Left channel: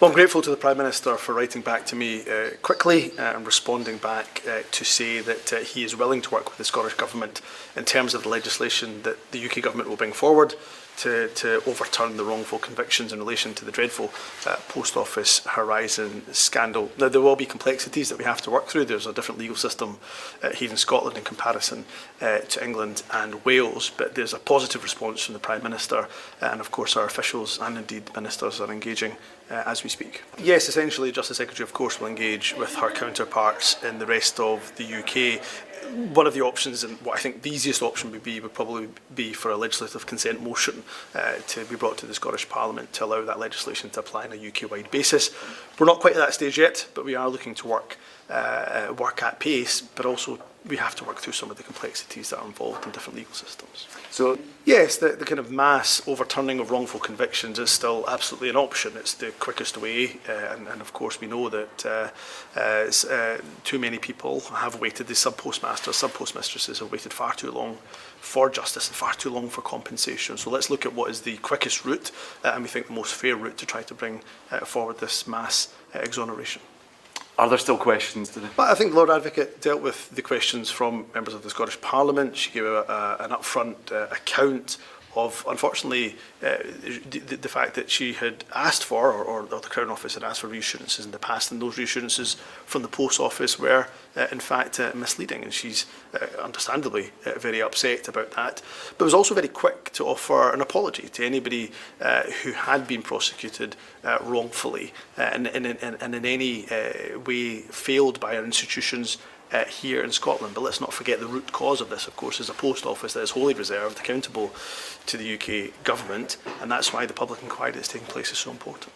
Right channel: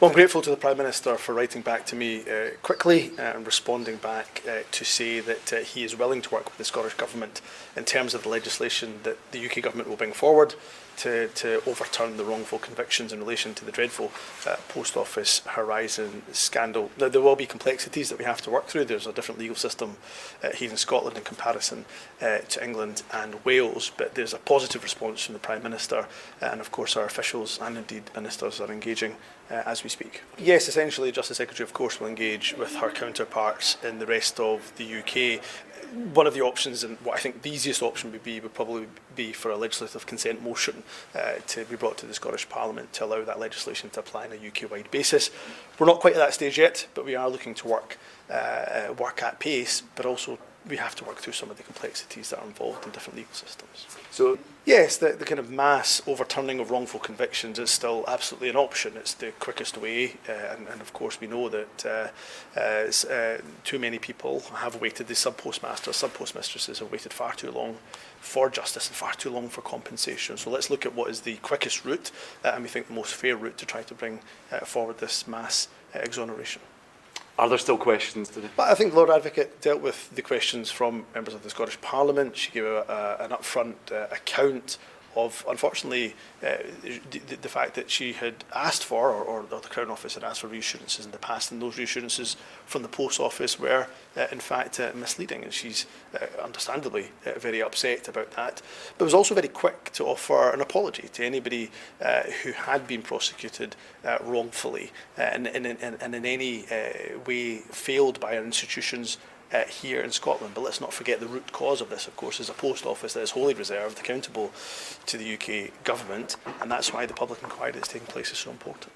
Well, I'm grateful to the Prime Minister for writing back to me quickly and responding back to say that he is willing to work with the Scottish Government in terms of the legislation that the UK Government will bring forward to overturn the wrongful convictions in relation to the dreadful Post Office Horizon scandal. Now, there will be complexities that we have to work through. There's a different legal system here in Scotland in comparison to England and Wales, but there's a positive response from the Prime Minister, and of course our officials and indeed ministers are engaging as we speak. Yes, essentially, Justice Secretary, of course, will engage with her counterparts in the rest of the UK. One of the options, and what I think the easiest option would probably be for a legislative consent motion to be brought to the Scottish Parliament to allow that legislation to apply on a UK-wide basis. We're not quite at that stage yet, but we are looking to work at pace, but also we have to work through some of the complexities that are involved in different legal systems. So yes, the kind of mass overturning of wrongful convictions is still absolutely an option. It's the quickest way, and of course we know that too many people have waited. The sub-postmasters, sub-postmistresses have waited far too long for justice and far too long for compensation. So let's look at what is the quickest route, and we think the most fair route to try to bring forward this mass exoneration. Are there still questions today? But I think the Lord Advocate dealt with the questions from members of the Scottish Parliament. She gave an upfront account of, unfortunately, the fact that she had asked for, or the Crown Office had asked for reassurances in the past, and those reassurances from the Post Office were, in fact, misleading, and she's understandably very upset about that. But was also very quick to offer an apology to anybody who had been prosecuted wrongfully and in any way failed by our institutions here in Scotland. But let's not forget the root cause of this, of course, is a Post Office that is wholly reserved, accountable to the UK Government, and that's why the public inquiry that's taking place is so important.